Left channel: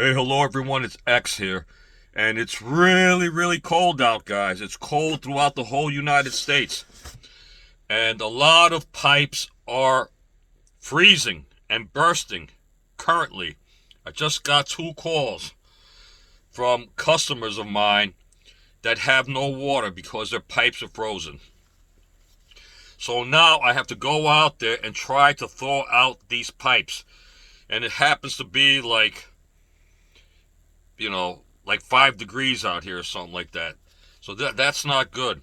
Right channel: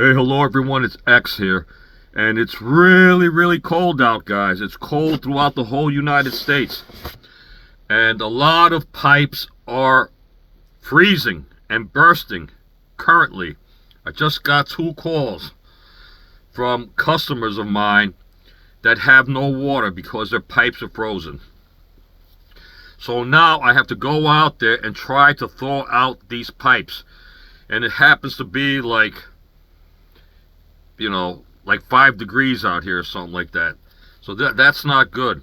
Hey, hello everyone, it's X here. And it's really cold out, guys. It's cold throughout the whole United States. And a lot of pipes are freezing and bursting currently. I just got 2 calls from customers of mine that have no water because their pipes are frozen. So now I have to go out there and try to thaw out these pipes. And it happens to be like 5 degrees out here or something like that. So that's not good.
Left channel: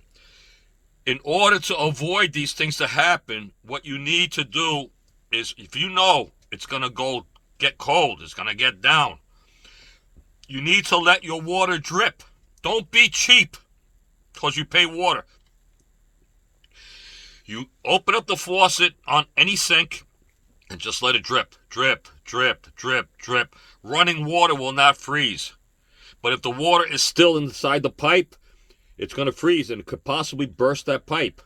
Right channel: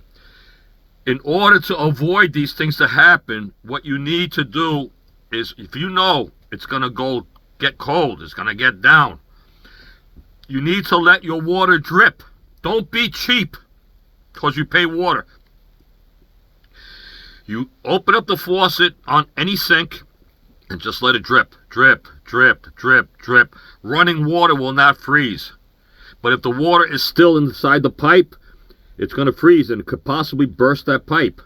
In order to avoid these things to happen, what you need to do is, if you know it's going to get cold, it's going to get down, you need to let your water drip. Don't be cheap because you pay water. You open up the faucet on any sink and just let it drip, drip, drip, drip, drip. Running water will not freeze. But if the water is still inside the pipe, it's going to freeze and it could possibly burst that pipe.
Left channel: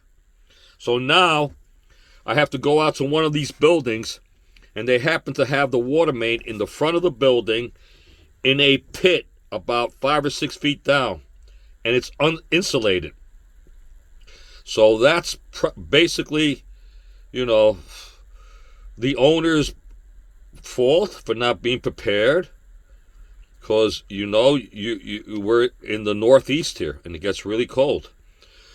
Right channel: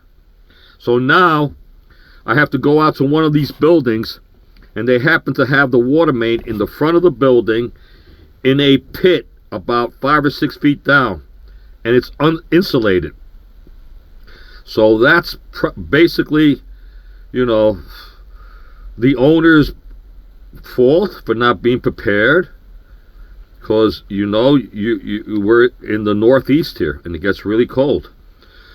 So now I have to go out to one of these buildings, and they happen to have the water main in the front of the building in a pit about 5 or 6 feet down, and it's uninsulated. So that's basically, the owner's fault for not being prepared, because we're in the Northeast here and it gets really cold.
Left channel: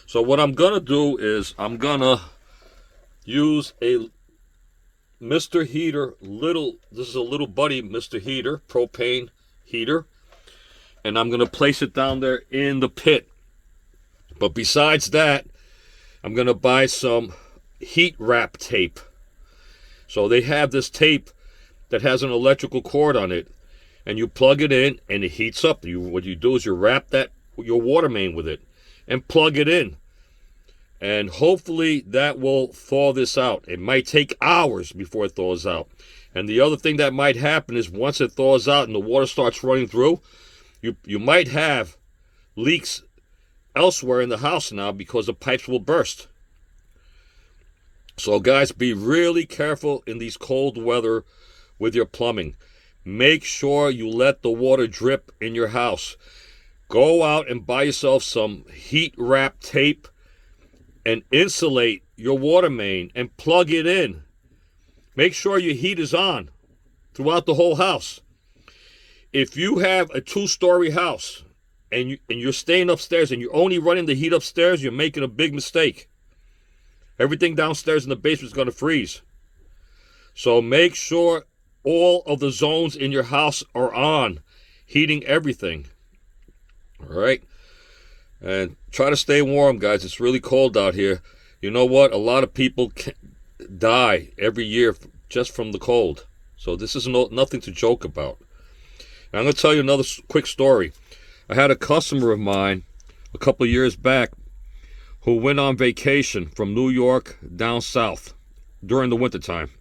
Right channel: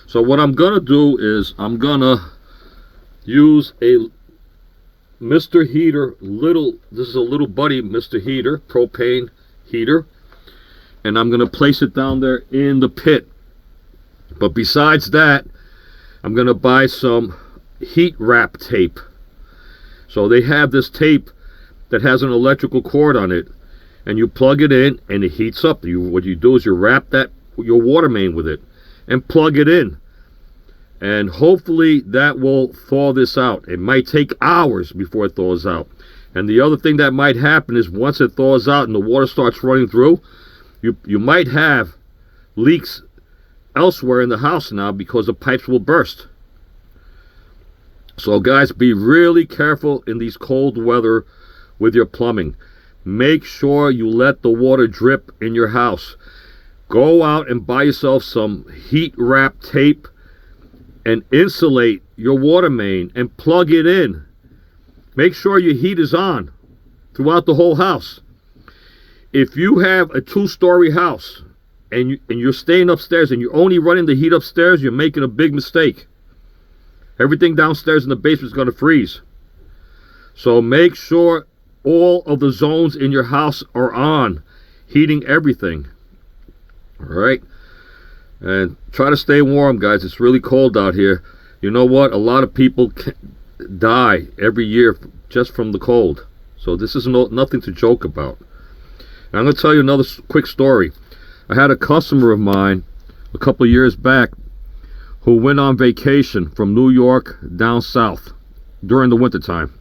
So what I'm gonna do is I'm gonna use a Mr. Heater this is a little buddy Mr. Heater, propane heater, and I'm gonna place it down there in the pit. But besides that, I'm gonna buy some heat wrap tape. So they have this tape that has an electrical cord on it, and you plug it in and it heats up. What you do is you wrap your water main with it and plug it in, and hopefully that will thaw this out. It might take hours before it thaws out. And the other thing that might happen is, once it thaws out and the water starts running through, you might have leaks elsewhere in the house now because the pipes will burst. So guys, be really careful in these cold weather with your plumbing. Make sure you let the water drip in your house. Go out and buy yourself some heat wrap tape and insulate your water main and plug it in. Make sure your heat is on throughout the whole house. If you have a 2-story house and you're staying upstairs and you're only running the heat upstairs, you're making a big mistake. Everything downstairs in the basement is going to freeze. So make sure all of the zones in your house are on, heating everything. All right? And try to stay warm, guys. It's really cold out here. You know what? A lot of people die every year just from the cold. So this is nothing to joke about. And I'm going to tell you another quick story. I had a customer of mine a couple of years back who went on vacation from New York down south during the wintertime.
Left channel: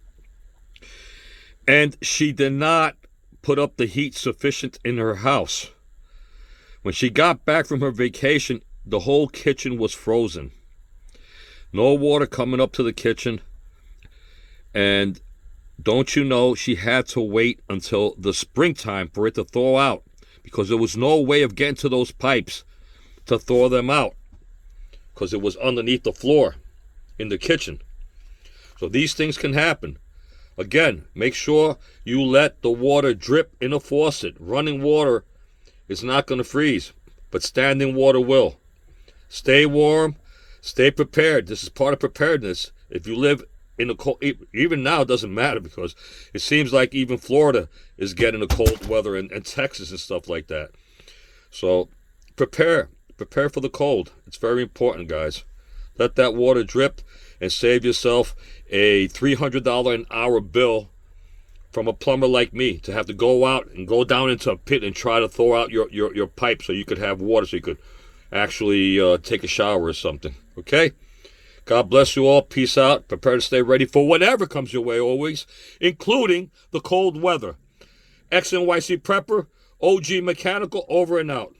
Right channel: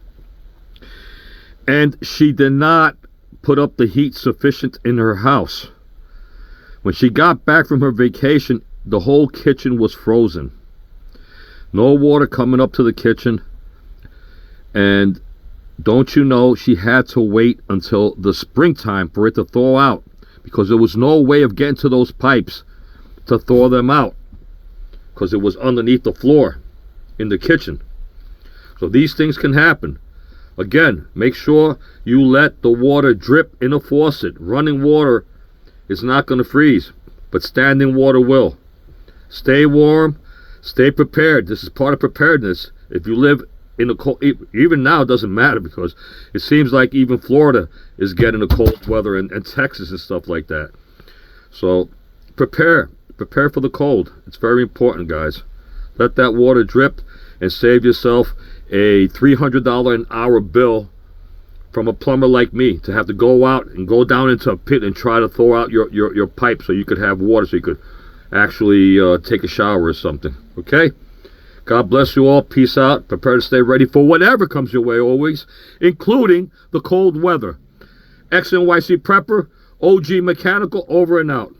And she did not put up the heat sufficient in her house. When she got back from her vacation, the whole kitchen was frozen. No water coming up to the kitchen. And don't you know, she had to wait until the springtime for it to thaw out, because there was no way of getting to those pipes to thaw them out, because it was underneath the floor in the kitchen. So these things can happen. Again, make sure you let the water drip in a faucet. Running water is not going to freeze, but standing water will. Stay warm, stay prepared. This is part of preparedness. If you live in the cold, even now it doesn't matter, because it seems like even Florida is getting the cold weather, and Texas and stuff like that. So prepare for the cold. It's very important, guys. Let that water drip and save yourself a $300 an hour bill from a plumber like me, to have to go out and go down into a pit and try to thaw out your pipe so you could have water, so you could actually take a shower or something. Okay? God bless you all. Peace out. Prepare to stay ready for whatever comes your way always, including the cold weather. XNYC Prepper, OG Mechanical, over and out.